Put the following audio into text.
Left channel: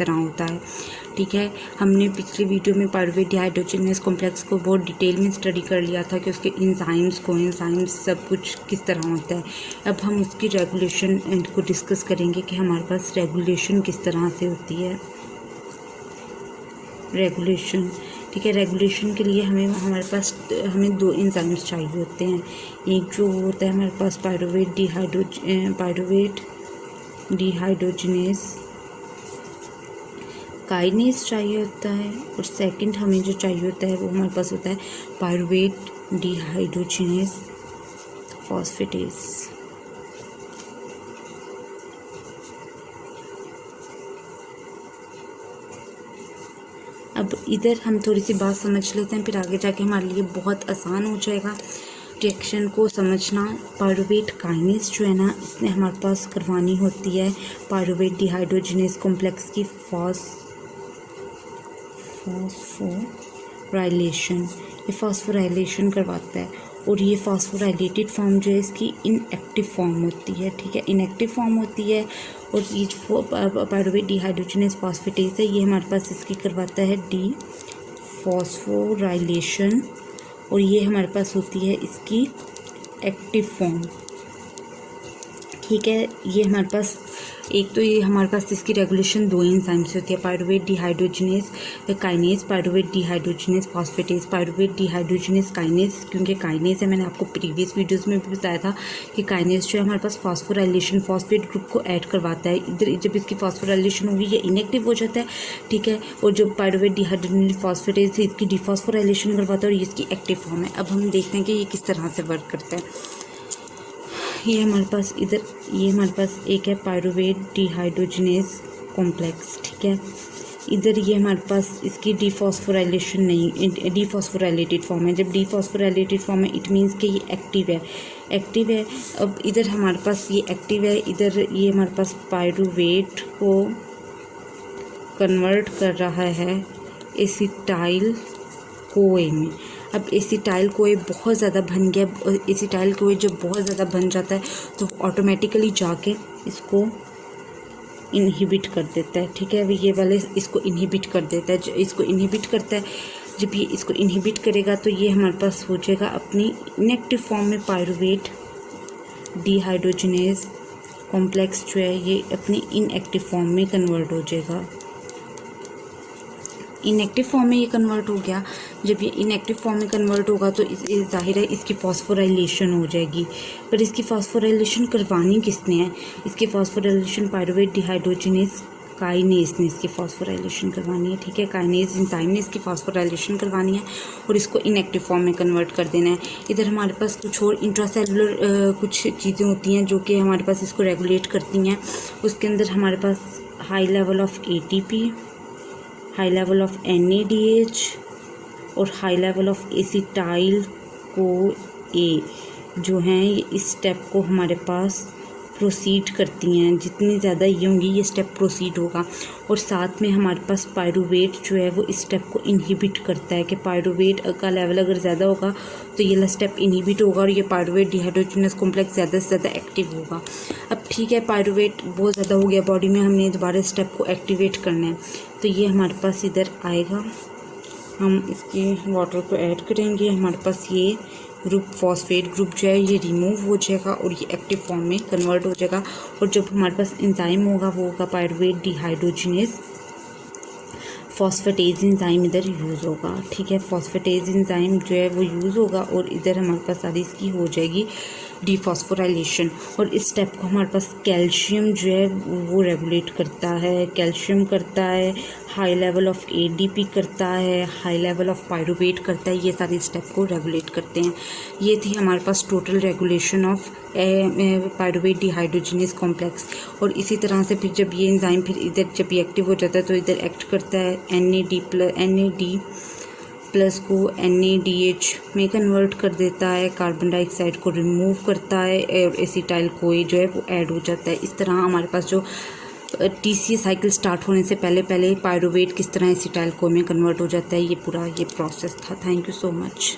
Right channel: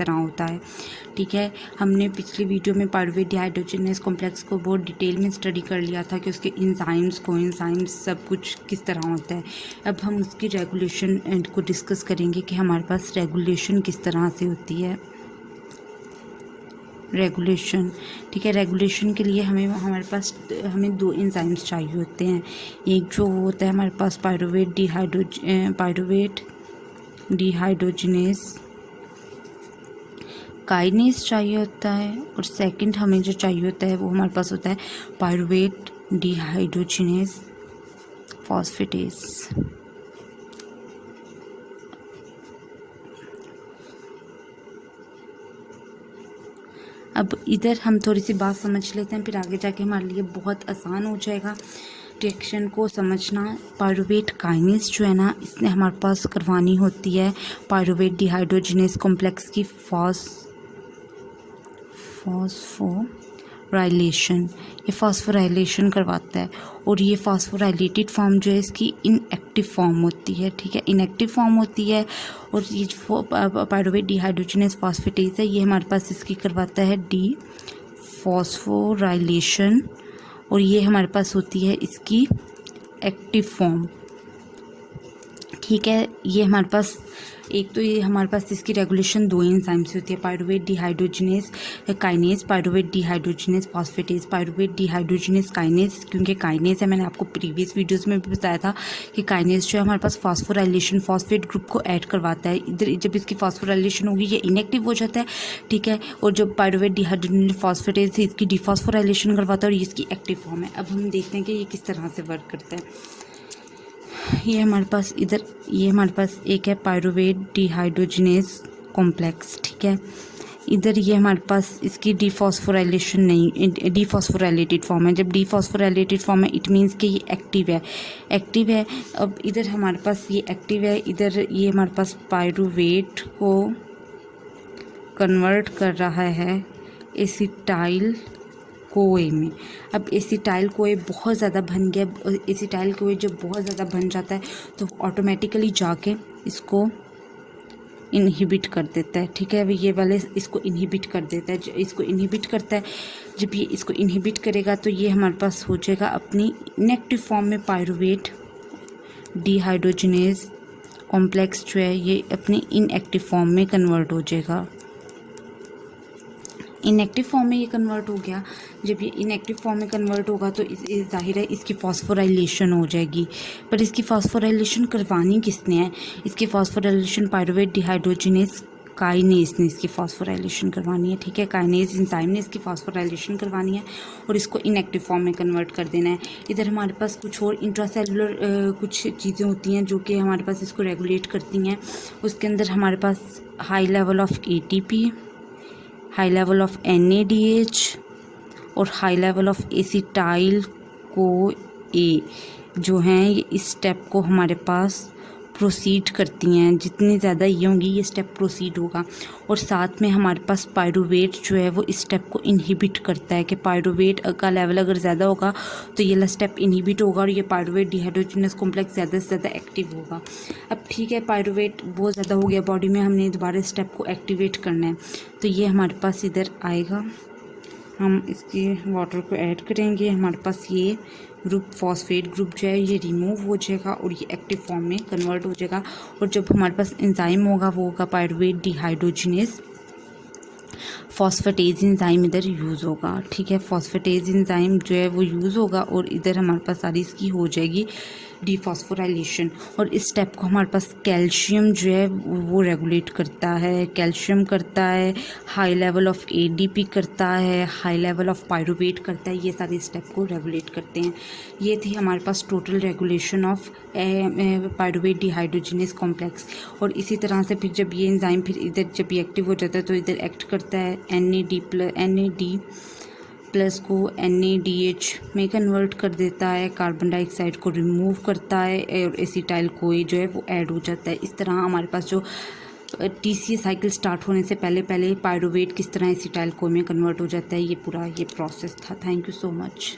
तरह होता है। ठीक है, हमने पिछली वीडियो में पायरुवेट डिहाइड्रोजनेस कॉम्प्लेक्स को बहुत डिटेल में स्टडी कर लिया था कि उसके इंजाइम्स कोएंजाइम्स सब कुछ किस तरह होता है। अब हम उसकी रेगुलेशन को डिस्कस करेंगे कि हमारे पास रेगुलेशन किस तरह से होती है। रेगुलेशन, ठीक है, रेगुलेशन के लिए हमें दो एंजाइम्स चाहिए होते हैं। एक जो होता है हमारे पास पायरुवेट डिहाइड्रोजनेस काइनेज चाहिए होता है, और सेकंड हमें जो चाहिए होता है वो हमारे पास होता है पायरुवेट डिहाइड्रोजनेस फॉस्फेटेज। अब इधर हम थोड़ी सी बात समझ लेते हैं, फिर आगे जाके हमारे लिए बहुत आसान हो जाएगा रिएक्शन को समझना। पायरुवेट काइनेज जो है ना, इसने हमारे पास करवानी होती है पायरुवेट डिहाइड्रोजनेस कॉम्प्लेक्स की फॉस्फोराइलेशन। ये फॉस्फोराइलेशन करवाता है, और ये फॉस्फोराइलेटेड फॉर्म जो है इसकी इनएक्टिव फॉर्म होती है। ठीक है, इनएक्टिव फॉर्म होती है, और ये पायरुवेट डिहाइड्रोजनेस फॉस्फेटेज है, ये हमारे पास इसकी करवाता है डी फॉस्फोराइलेशन, और ये हमारे पास होती है इसकी एक्टिव फॉर्म। ठीक है, ये हमारे पास ये हमारे पास इसकी रेगुलेशन दो एंजाइम से होती है, pyruvate dehydrogenase kinase, pyruvate dehydrogenase phosphatase. Pyruvate dehydrogenase kinase क्योंकि काइनेज है, मैंने आपको प्रीवियस वीडियोस में भी बताया था कि काइनेज जो है हमारे पास फॉस्फोराइलेशन फॉस्फेट ग्रुप को ऐड करवाता है। इधर जब इसकी फॉस्फोराइलेशन होगी ये इनएक्टिव हो जाता है। ठीक है, और जब पायरुवेट डिहाइड्रोजनेस फॉस्फेटेज से इसकी डिफॉस्फोराइलेशन करवाता है, और ये इसकी एक्टिव फॉर्म है। अब हम देखते हैं कि ये किस तरह से वर्क करता है। ये हमारे पास एक है पायरुवेट डिहाइड्रोजनेस कॉम्प्लेक्स। ठीक है, इधर ये हमारे पास इसकी डिफॉस्फोराइलेशन नहीं, डिफॉस्फोराइलेटेड फॉर्म है। जब डिफॉस्फोराइलेटेड फॉर्म है इट मीन्स कि ये एक्टिव है। अब इधर हमारे पास ये एक्टिव है, इधर ये हमारे पास पायरुवेट को कन्वर्ट कर रहा है एसिटाइल कोए में। अब एसिटाइल कोए बहुत ज़्यादा बन गया, एसिटाइल कोए जब बहुत ज़्यादा बन जाता है तो ऑटोमेटिकली जाके इसको इनहिबिट कर देता है। ठीक है, ये वाले इसको इनहिबिट कर देता है, इसको इनहिबिट करता है। जब ये इसको इनहिबिट करेगा तो ये हमारे पास हो जाएगा अपनी इनएक्टिव फॉर्म में पायरुवेट डिहाइड्रोजनेस कॉम्प्लेक्स जो है ये अपनी इनएक्टिव फॉर्म में कन्वर्ट हो जाएगा। इनएक्टिव फॉर्म में ये कन्वर्ट हो गया। जब ये इनएक्टिव फॉर्म में कन्वर्ट होगा तो जाहिर है इसकी फॉस्फोराइलेशन हो जाएगी। पर इसकी फॉस्फोराइलेशन करवानी किसने है? इसकी फॉस्फोराइलेशन पायरुवेट डिहाइड्रोजनेस काइनेज ने इसकी फॉस्फोराइलेशन करवानी है। ठीक है, काइनेज एंजाइम ने इसकी फॉस्फोराइलेशन करवानी है और इसको इनएक्टिव फॉर्म में कन्वर्ट कर देना है। इधर हमारे पास कुछ और इंट्रासेलुलर कुछ चीज़ें होती हैं जो कि हमारे पास इसको रेगुलेट करती हैं। उसके अंदर हमारे पास high level of ATP, high level of NADH और high level of acetyl co A जो हैं ये इस स्टेप को हमारे पास प्रोसीड करती हैं। जितनी ज़्यादा ये होंगी ये स्टेप प्रोसीड होगा, और साथ में हमारे पास पायरुवेट जो है वो इस स्टेप को इनहिबिट करता है कि पायरुवेट का लेवल अगर ज़्यादा होगा तो ये स्टेप इनहिबिट होगा और ये पायरुवेट डिहाइड्रोजनेस कॉम्प्लेक्स ज़्यादा से ज़्यादा एक्टिव होगा। अब ठीक है, पायरुवेट बहुत ज़्यादा हो गया बॉडी में, हमने दोबारा स्टेप को एक्टिवेट करना है तो ये हमारे पास इधर आएगा, हम इसके वाटर को ऐड करेंगे, हमारे पास ये ग्रुप फॉस्फेट ग्रुप जो है ये रिमूव हो जाएगा और ये एक्टिव फॉर्म में कन्वर्ट हो जाएगा। और जब हमारे पास एंजाइम होगा वो होगा पायरुवेट डिहाइड्रोजनेस फॉस्फेटेज एंजाइम इधर यूज़ होगा। ठीक है, फॉस्फेटेज एंजाइम जो है वो यूज़ होगा और इधर हमारे पास सारी इसकी हो जाएगी डिफॉस्फोराइलेशन। और इस स्टेप को हमारे पास कैल्शियम जो है वो रेगुलेट करता है, कैल्शियम करता है, हाई लेवल ऑफ ADP करता है, हाई लेवल ऑफ पायरुवेट करता है, ये सारे स्टेप को रेगुलेट करते हैं। ये थी हमारे पास total regulation of pyruvate dehydrogenase complex. और इसी तरह से फिर जब ये एंजाइम फिर इधर जब ये एक्टिव हो जाता है तो इधर एक्ट करता है NAD प्लस को NADH में कन्वर्ट कर देता है, कार्बन डाइऑक्साइड को रिमूव करता है और एसिटाइल कोई जो है वो ऐड हो जाता है। इस तरह हमारे पास जो TCA साइकिल स्टार्ट होने से पहले पायरुवेट किस तरह एसिटाइल कोई में कन्वर्ट हो जाता है, ये पूरा ये प्रोसेस था। Thank you so much.